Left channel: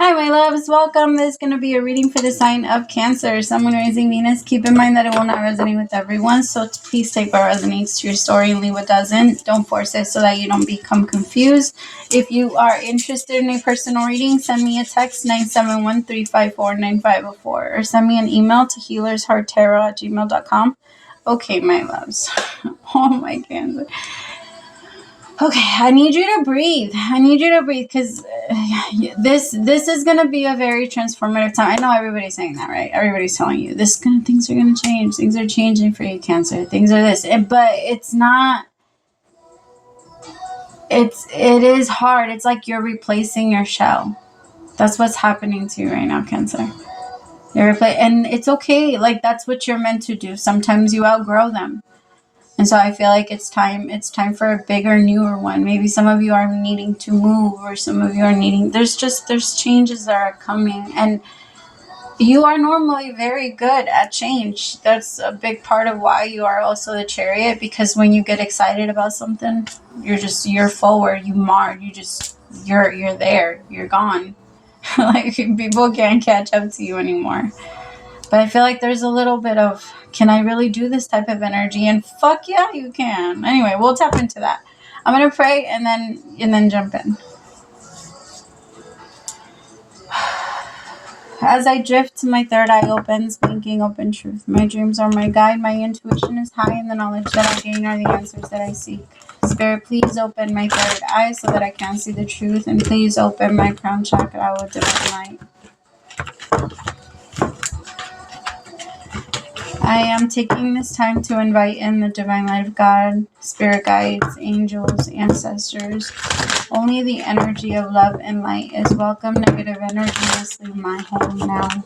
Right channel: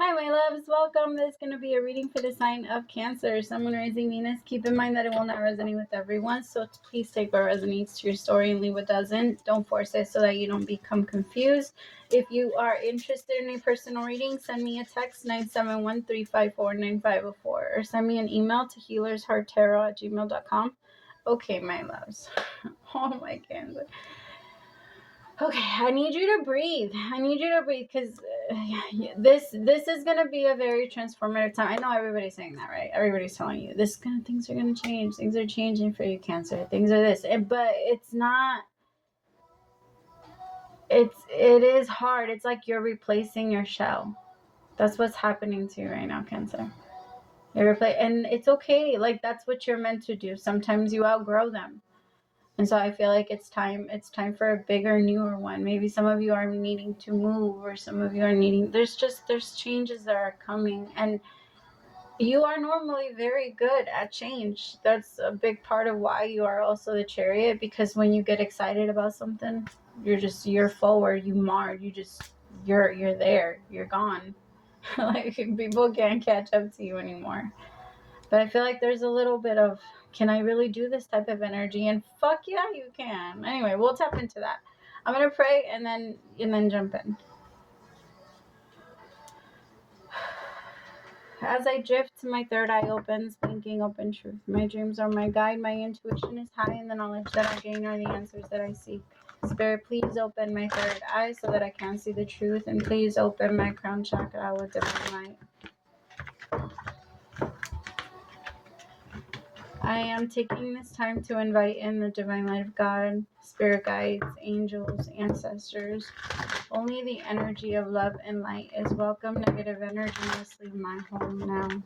Hi, my loves. Welcome. This is going to be a reading for the sign of Cancer. Someone raising Venus. Keep in mind that it will not resonate with everyone, so please take what resonates to your story and leave what doesn't. Don't force it so that you don't become confused. If you are interested in a personal reading, send me a text 971-354-9504 or send me an email to HealersHeartTarot@gmail.com. Okay, my loves. Oh, my Cancer. Okay, I need you to breathe. Because this is going to be a very transformative time. I know everybody's saying that, right? Everybody's telling you things are going to change. Things are changing for you, Cancer. Things are this. But it's not. It is hard. It's like you're replacing your shell. That's what's happening to you right now, Cancer. And it's okay. Like, that's what you're meant to do. Sometimes you outgrow them. And so I feel like it's time for a bigger, newer one. Maybe some of you are needing to move, or some of you are needing, there's changes that are coming. And you are normally very good at change. That's a big part of why you are also the Chariot, because when you get excited about something, you're forward, you're there, you're gone. Like, people can't catch up to you anymore. But I feel like there's a little bit of, can I really do this type of energy? And fuck yeah, you can. Anyway, we'll tap into that. I'm going to pray and then jump in. As I drift, my third eye opens, blinking open truth. My dreams are my guide. My intuition is high, and the knowledge that I gain are the answers that I seek. Spirit, please open my third eye so that I can see the truth. And please open my crown chakra with divine light. I am taking this time to invite in the divine light of God, spirit guides, angels, ancestors. Only the energy of love and light is welcome. Negative energy must leave my home now.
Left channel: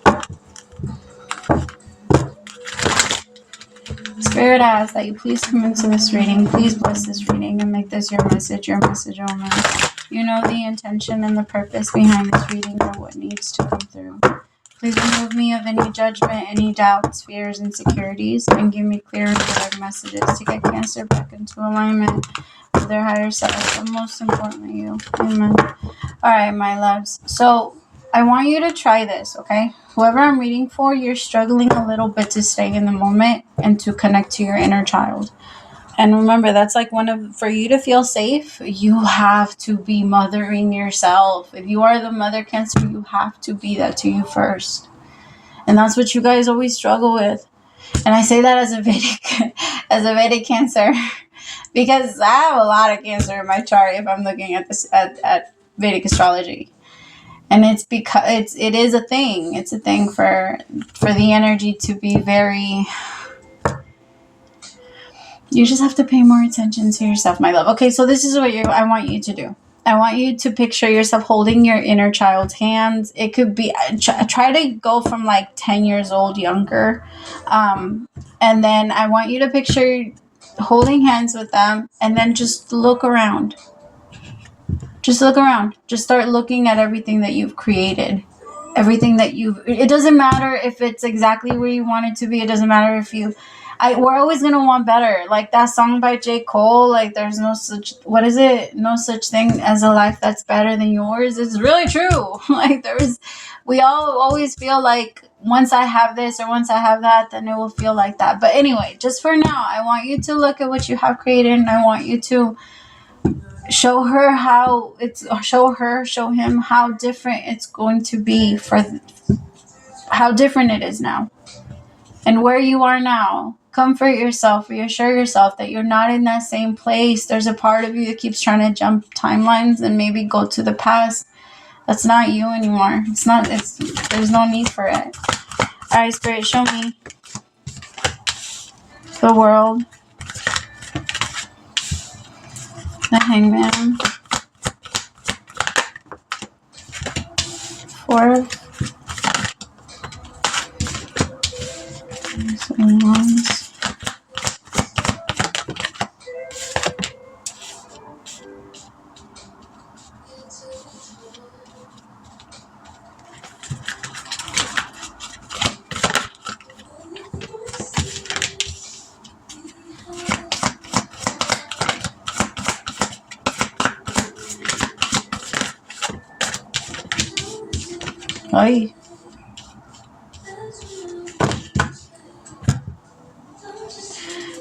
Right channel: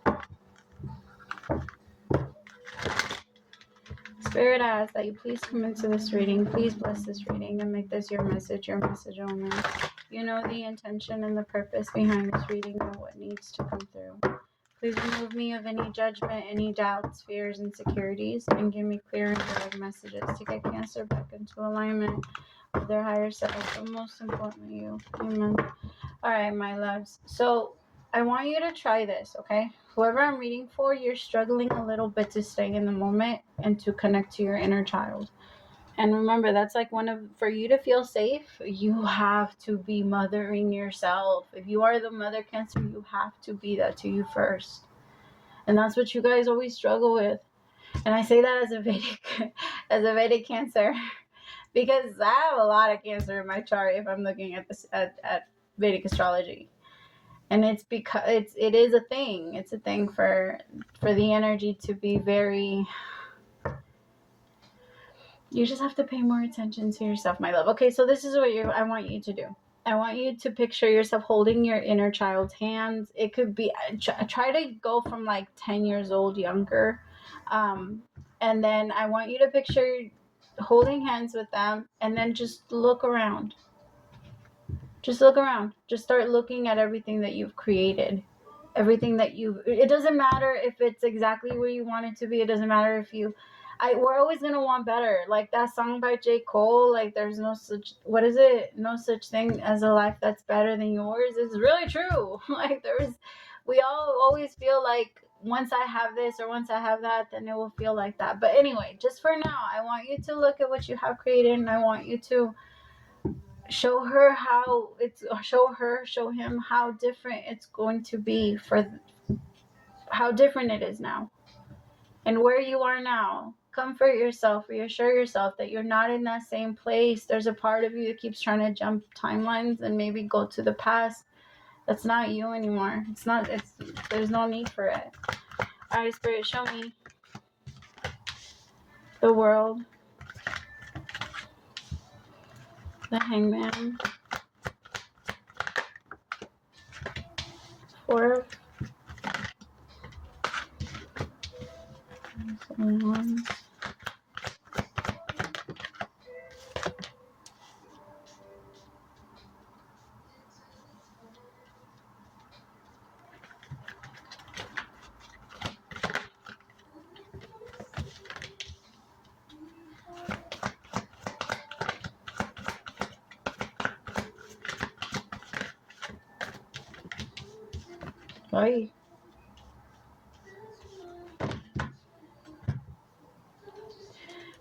Spirit, I ask that you please come into this reading. Please bless this reading and make this your message only. You know the intention and the purpose behind this reading and what needs to come through. Please remove me of any judgment, any doubts, fears, insecurities, and give me clear and direct messages to get Cancer back into alignment with their higher self, and most importantly, you. Amen. All right, my loves. So I want you to try this, okay? Whoever I'm reading for, you're struggling a little bit to stay in the moment and to connect to your inner child. And remember, that's like for you to feel safe, you have to be mothering yourself. If you are the mother, Cancer, you have to be that to you first. And that's what you guys always struggle with. And I say that as a Vedic Cancer, because I have a lot of Cancer in my chart if I'm looking at this at Vedic astrology. And it's because it is a thing. It's a thing for the energy to be very. You just have to pay more attention to yourself, my love. Okay, so this is what I want you to do. I want you to picture yourself holding your inner child's hands. It could be, try to go from like 10 years old younger. And then I want you to picture holding hands with them, and then just look around. Just look around. Just start looking at everything that you've created. Everything that it doesn't matter if it's exactly where you want it to be. It doesn't matter if we're always going to want better. Like that song by J. Cole, like there's no such thing as a life that's better than yours. It's really true. Like we all always feel like once I have this or once I have that, then it will feel like that. But anyway, just for now, I want you to look at what you have created, and I want you to show him how different it's going to be, how different it is now. And where you are now, comfort yourself, reassure yourself that you're not in that same place. There's a part of you that keeps trying to jump timelines and maybe go to the past. That's not you anymore. There's no need for it. All right, Spirit, show me the World, the Hangman, Four of Wands, Ay.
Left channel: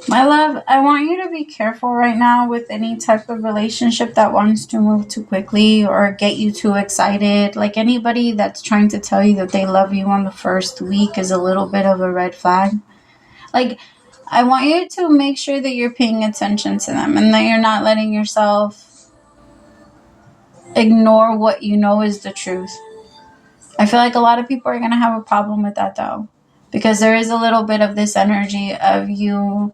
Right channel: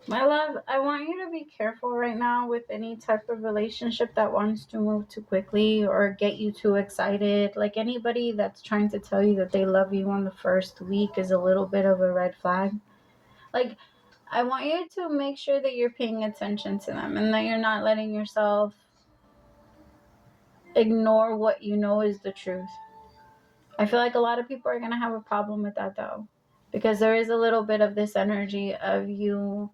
My love, I want you to be careful right now with any type of relationship that wants to move too quickly or get you too excited. Like anybody that's trying to tell you that they love you on the first week is a little bit of a red flag. Like, I want you to make sure that you're paying attention to them and that you're not letting yourself ignore what you know is the truth. I feel like a lot of people are going to have a problem with that though, because there is a little bit of this energy of you.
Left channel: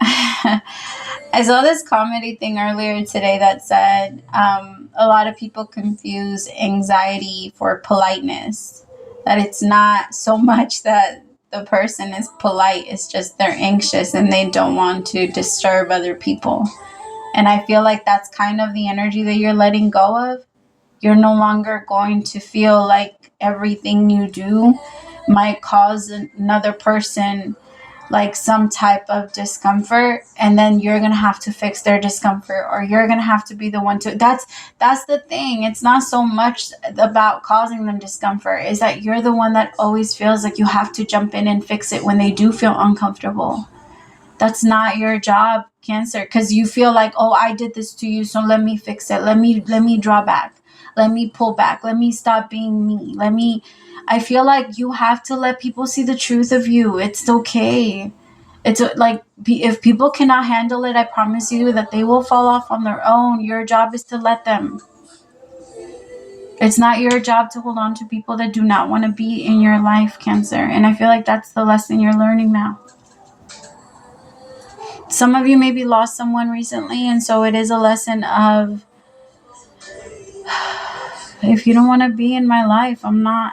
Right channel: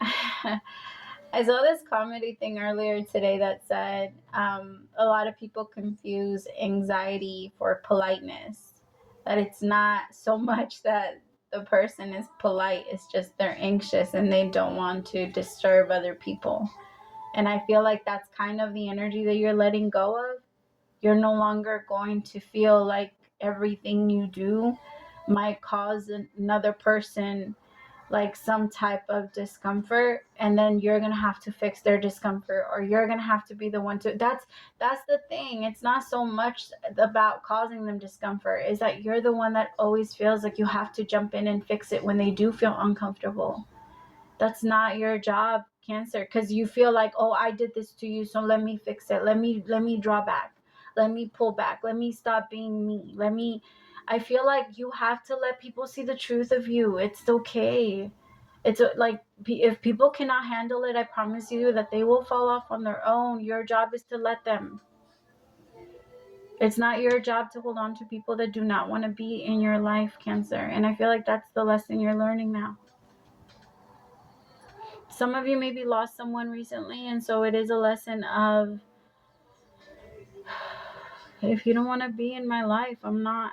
I saw this comedy thing earlier today that said a lot of people confuse anxiety for politeness. That it's not so much that the person is polite, it's just they're anxious and they don't want to disturb other people. And I feel like that's kind of the energy that you're letting go of. You're no longer going to feel like everything you do might cause another person like some type of discomfort, and then you're gonna have to fix their discomfort, or you're gonna have to be the one to that's the thing. It's not so much about causing them discomfort, is that you're the one that always feels like you have to jump in and fix it when they do feel uncomfortable. That's not your job, Cancer, because you feel like, oh, I did this to you, so let me fix it. Let me draw back. Let me pull back. Let me stop being me. I feel like you have to let people see the truth of you. It's okay. It's like, if people cannot handle it, I promise you that they will fall off on their own. Your job is to let them. It's not your job to hold on to people that do not want to be in your life, Cancer. And I feel like that's the lesson you're learning now. Some of you maybe lost someone recently, and so it is a lesson of, if you don't want to be in my life, I'm not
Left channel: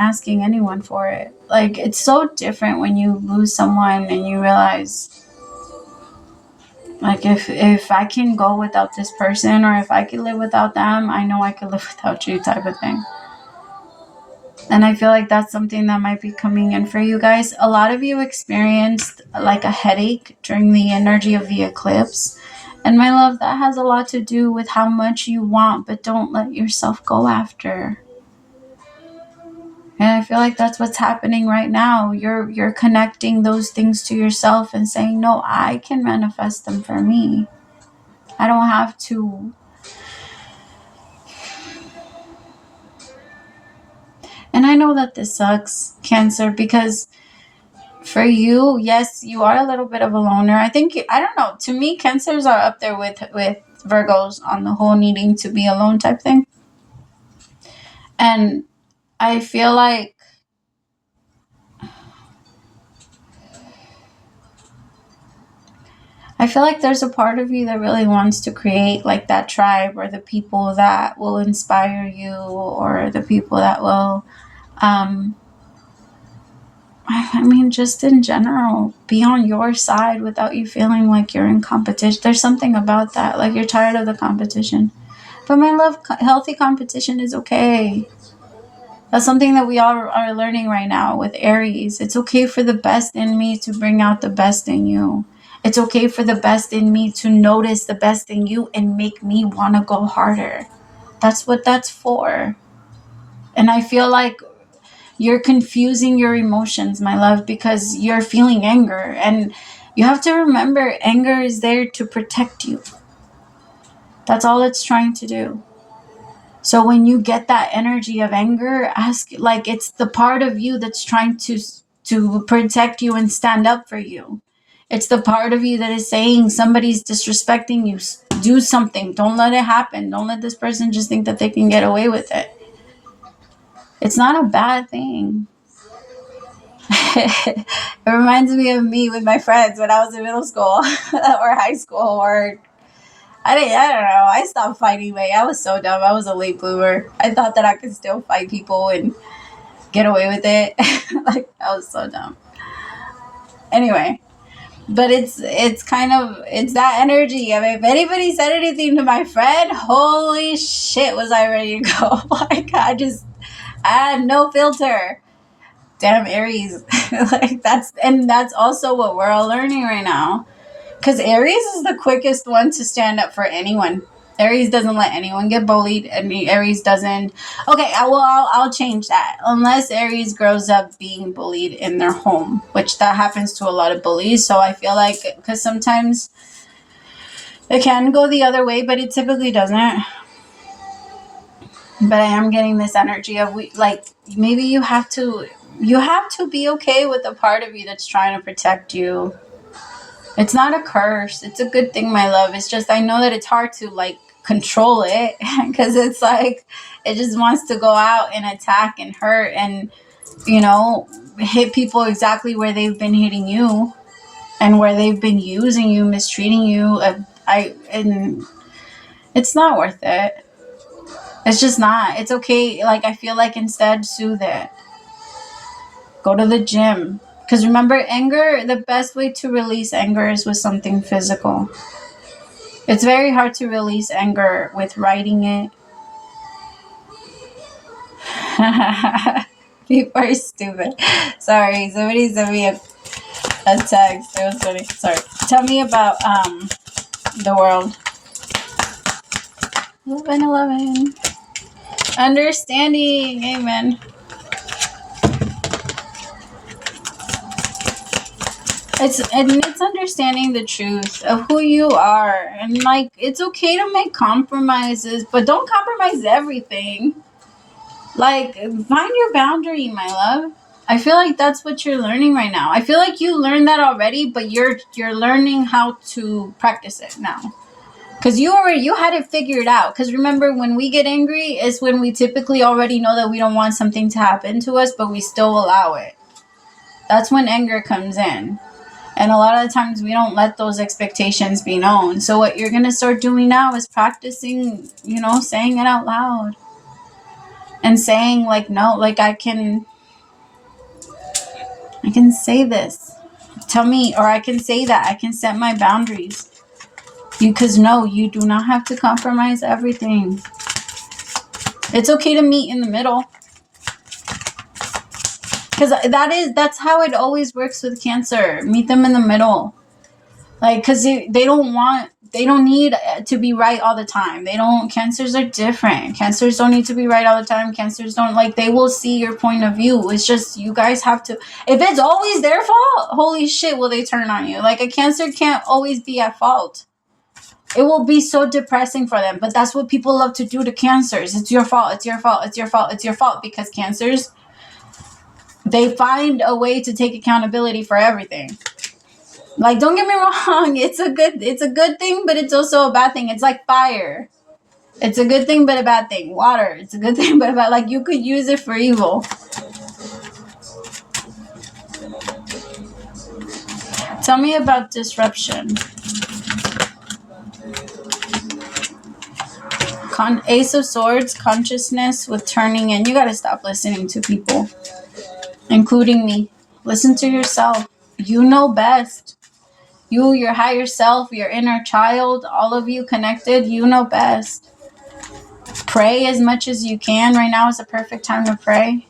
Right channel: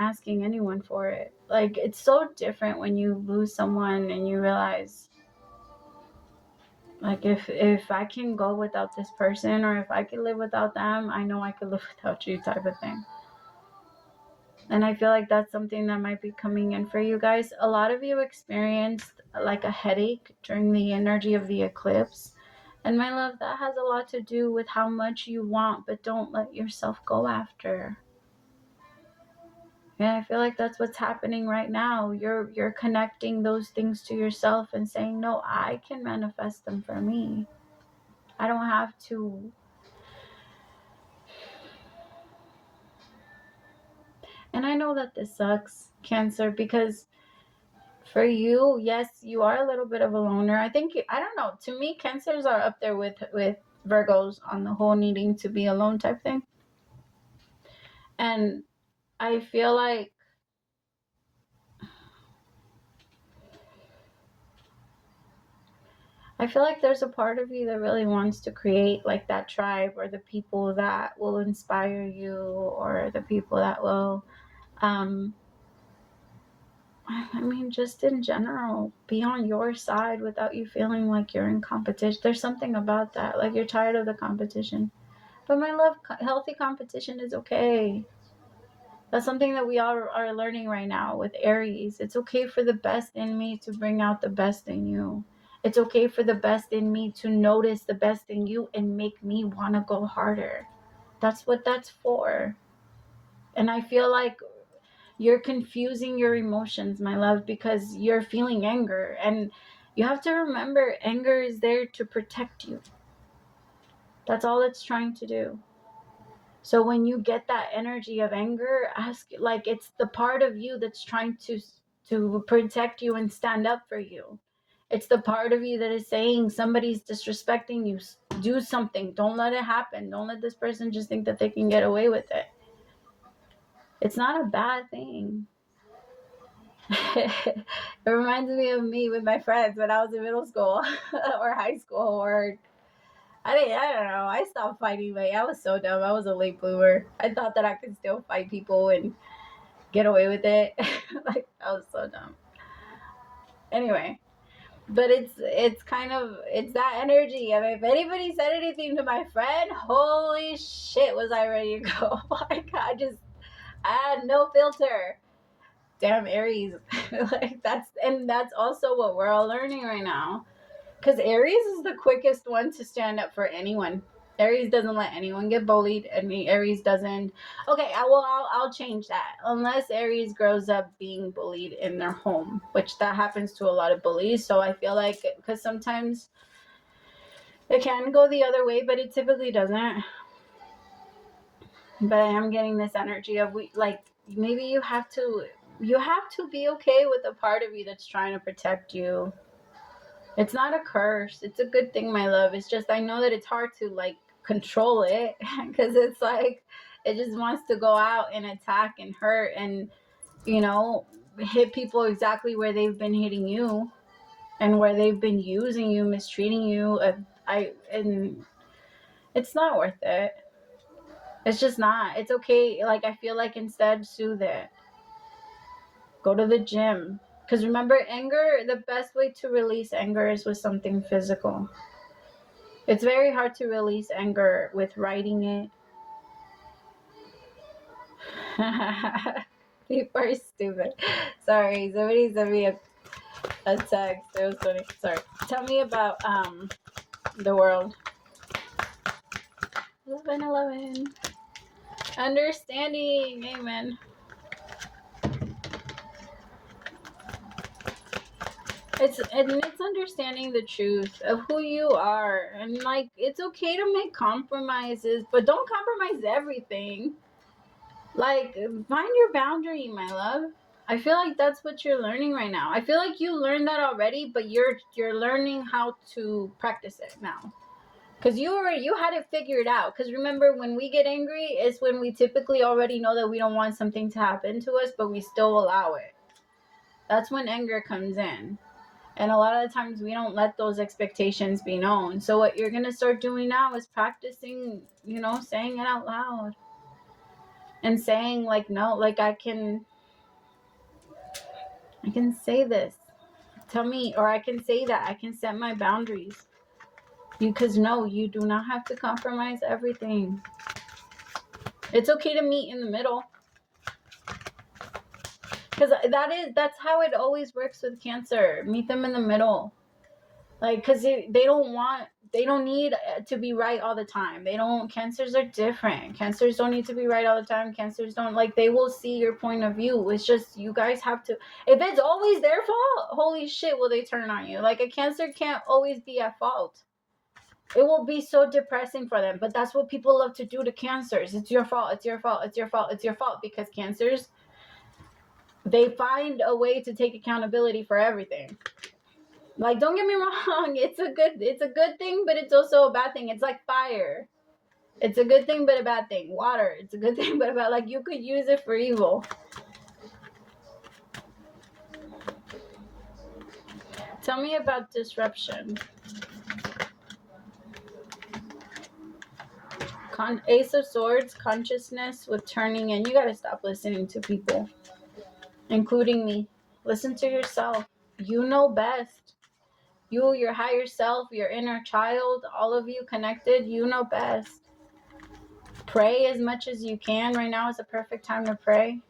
asking anyone for it. Like, it's so different when you lose someone and you realize, like, if I can go without this person, or if I can live without them, I know I can live without you, type of thing. And I feel like that's something that might be coming in for you guys. A lot of you experienced like a headache during the energy of the eclipse. And my love, that has a lot to do with how much you want, but don't let yourself go after. And I feel like that's what's happening right now. You're connecting those things to yourself and saying, no, I can manifest them for me. I don't have to. And I know that this sucks, Cancer, because for you, yes, you are a little bit of a loner. I think, I don't know, to me, Cancers are up there with Virgos on the whole needing to be alone type thing. And I feel like there's a part of you that really wants to create like that tribe, or the people that will inspire you, or the people that will I mean, just in general, be on your side without you feeling like you're in competition. There's something about that, like you're tired of the competition. But my love, healthy competition is okay. That's something that we all are learning right now with Aries. It's okay for the best in me to bring out the best in you. It's okay for the best in me to notice the best in you and make me want to go harder. That's what that's for. And I feel like you're confusing your emotions, my love, because you're feeling anger. And you have to remember, anger is there to protect you. That's all it's trying to do. So when you get that energy of anger, ask, like, it's the part of you that's trying to protect you and stand up for you. It's the part of you that is saying, somebody's disrespecting you, do something. Don't let it happen. Don't let this person just think that they can get away with it. It's not a bad thing. It reminds me of me with my friends when I was in middle school or high school, or I don't know. I stopped fighting late. I was so dumb. I was a late bloomer. I thought that I could still fight people and get away with it. Like, I was so dumb. Anyway, but it's kind of, it's that energy. I mean, if anybody said anything to my friend, holy shit, was I ready to go. Like, I had no filter. Damn Aries. Like, that's also what we're all learning right now. Because Aries is the quickest one to stand up for anyone. Aries doesn't let anyone get bullied, and Aries doesn't. Okay, I'll change that. Unless Aries grows up being bullied in their home, which that happens to a lot of bullies. So I feel like, because sometimes it can go the other way, but it typically doesn't. But I am getting this energy of maybe you have to be okay with the part of you that's trying to protect you. It's not a curse. It's a good thing, my love. It's just, I know that it's hard to control it, because it's like it just wants to go out and attack and hurt and, hit people exactly where they've been hitting you and where they've been using you, mistreating you. And it's not worth it. It's just not. It's okay. I feel like instead soothe it. Go to the gym. Because remember, anger, the best way to release anger is with something physical. It's very hard to release anger with writing it. People are stupid. Sorry, somebody sent me a text. It was funny. Sorry. Tell me about the world. 11. Understanding. Amen. It's understanding the truth of who you are, and it's okay to make compromises, but don't compromise everything. Find your boundary, my love. I feel like that's what you're learning right now. I feel like you learned that already, but you're learning how to practice it now. Because you had it figured out. Because remember, when we get angry is when we typically already know that we don't want something to happen to us, but we still allow it. That's when anger comes in. And a lot of the times we don't let those expectations be known. So what you're going to start doing now is practicing, saying it out loud. And saying no, I can say this. Tell me, or I can say that. I can set my boundaries. Because no, you do not have to compromise everything. It's okay to meet in the middle. Because that's how it always works with Cancer. Meet them in the middle. Because they don't need to be right all the time. Cancers are different. Cancers don't need to be right all the time. Cancers don't, they will see your point of view. It's just, you guys have to, if it's always their fault, holy shit, will they turn on you. A Cancer can't always be at fault. It will be so depressing for them. But that's what people love to do to Cancers. It's your fault. It's your fault. It's your fault. It's your fault. Because Cancers, they find a way to take accountability for everything. Don't get me wrong, it's a good thing, but it's also a bad thing. It's like fire. It's a good thing, but a bad thing. Water, it's a good thing, but a bad, you could use it for evil. Tell me about disruption. Ace of Swords, consciousness with turning in. You got to stop listening to people, including me. Listen to yourself. You know best. You, your higher self, your inner child, all of you connected, you know best. Pray as much as you can. Right now is a perfect time to pray.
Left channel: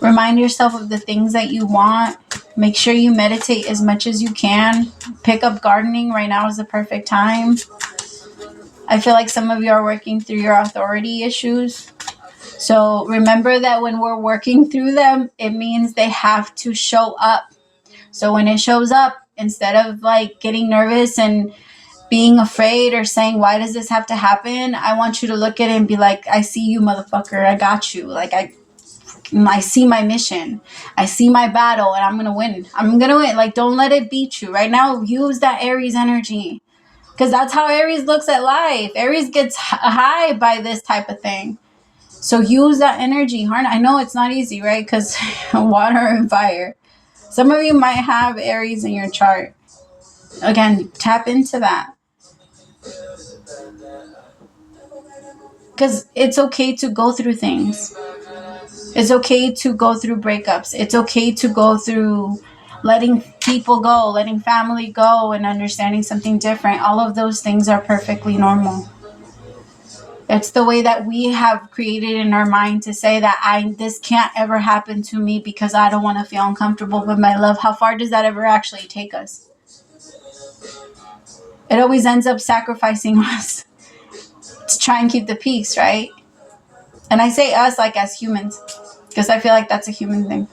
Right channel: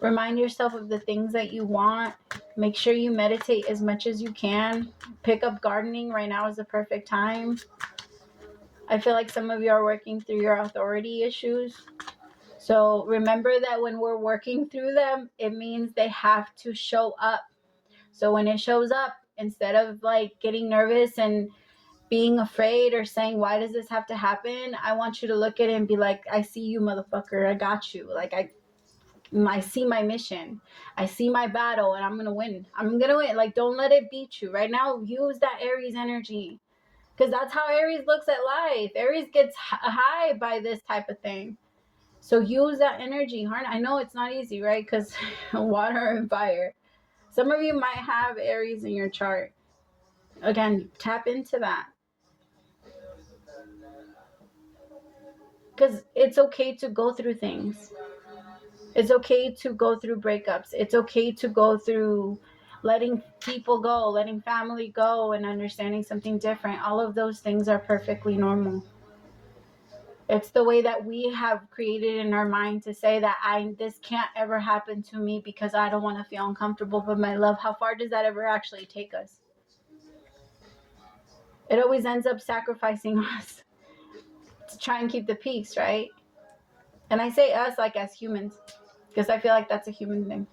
Remind yourself of the things that you want. Make sure you meditate as much as you can. Pick up gardening. Right now is the perfect time. I feel like some of you are working through your authority issues. So remember that when we're working through them, it means they have to show up. So when it shows up, instead of getting nervous and being afraid or saying, why does this have to happen? I want you to look at it and be like, I see you, motherfucker. I got you. I see my mission. I see my battle, and I'm going to win. I'm going to win. Don't let it beat you. Right now, use that Aries energy. Because that's how Aries looks at life. Aries gets high by this type of thing. So use that energy. I know it's not easy, right? Because water and fire. Some of you might have Aries in your chart. Again, tap into that. Because it's okay to go through things. It's okay to go through breakups. It's okay to go through letting people go, letting family go, and understanding something different. All of those things are perfectly normal. It's the way that we have created in our mind to say that this can't ever happen to me because I don't want to feel uncomfortable. But my love, how far does that ever actually take us? It always ends up sacrificing us. to try and keep the peace, right? And I say us like as humans, because I feel like that's a human thing.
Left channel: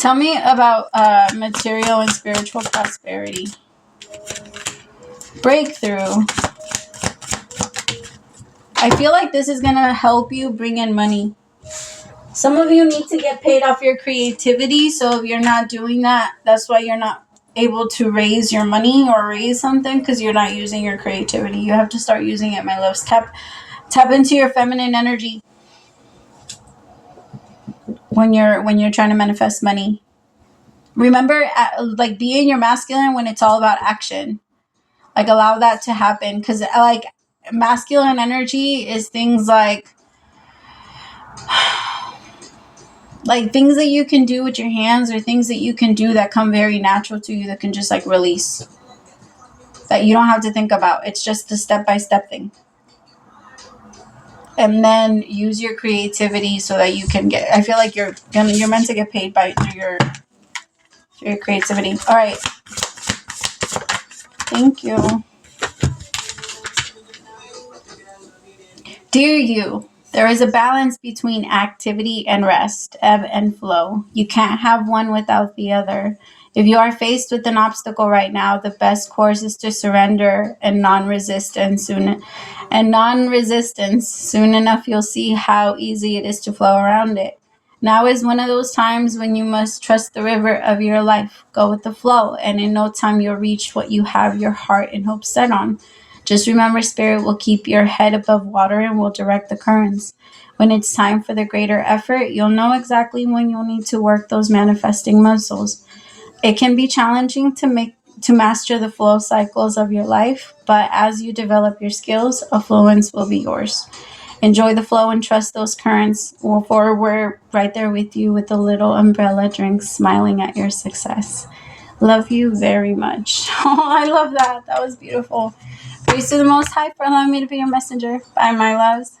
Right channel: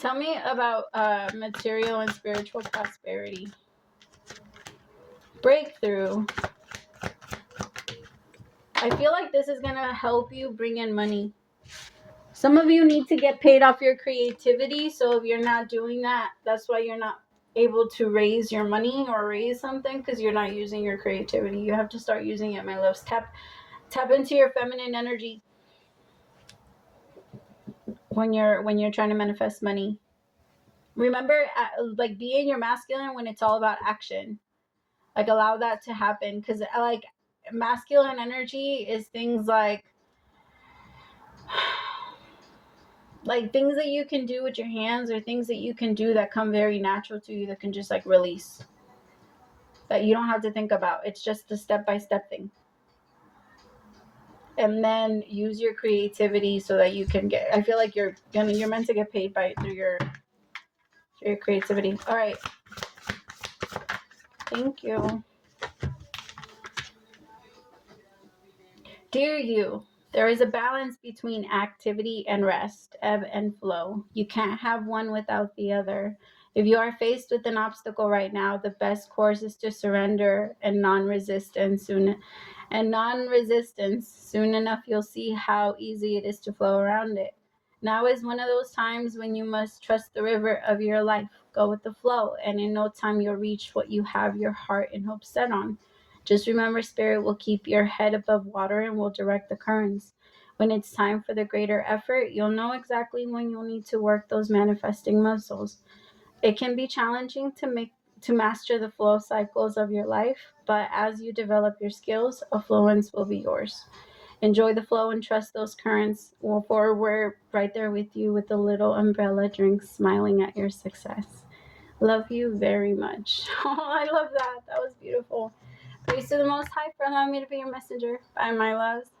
Tell me about material and spiritual prosperity. Breakthrough. I feel like this is going to help you bring in money. Some of you need to get paid off your creativity. So if you're not doing that, that's why you're not able to raise your money or raise something, because you're not using your creativity. You have to start using it, my loves. Tap into your feminine energy when you're trying to manifest money. Remember, like, be in your masculine when it's all about action. Like, allow that to happen, because like masculine energy is things like things that you can do with your hands, or things that you can do that come very natural to you, that can just like release, that you don't have to think about. It's just a step-by-step thing. And then use your creativity so that you can get, I feel like you're meant to get paid through your creativity. All right. Thank you. Dear you, there is a balance between activity and rest, ebb and flow. You can't have one without the other. If you are faced with an obstacle right now, the best course is to surrender and non-resistance. Soon enough, you'll see how easy it is to flow around it. Now is one of those times when you must trust the river of your life. Go with the flow, and in no time you'll reach what you have your heart and hope set on. Just remember, Spirit will keep your head above water and will direct the currents. When it's time for the greater effort, you'll know exactly when you'll need to work those manifesting muscles. It can be challenging to master the flow cycles of your life, but as you develop your skills, affluence will be yours. Enjoy the flow and trust those currents, for we're right there with you with a little umbrella drink, smiling at your success. Love you very much. Oh, I love that. That was beautiful. Praise to the Most High for allowing me to be your messenger. Bye, my loves.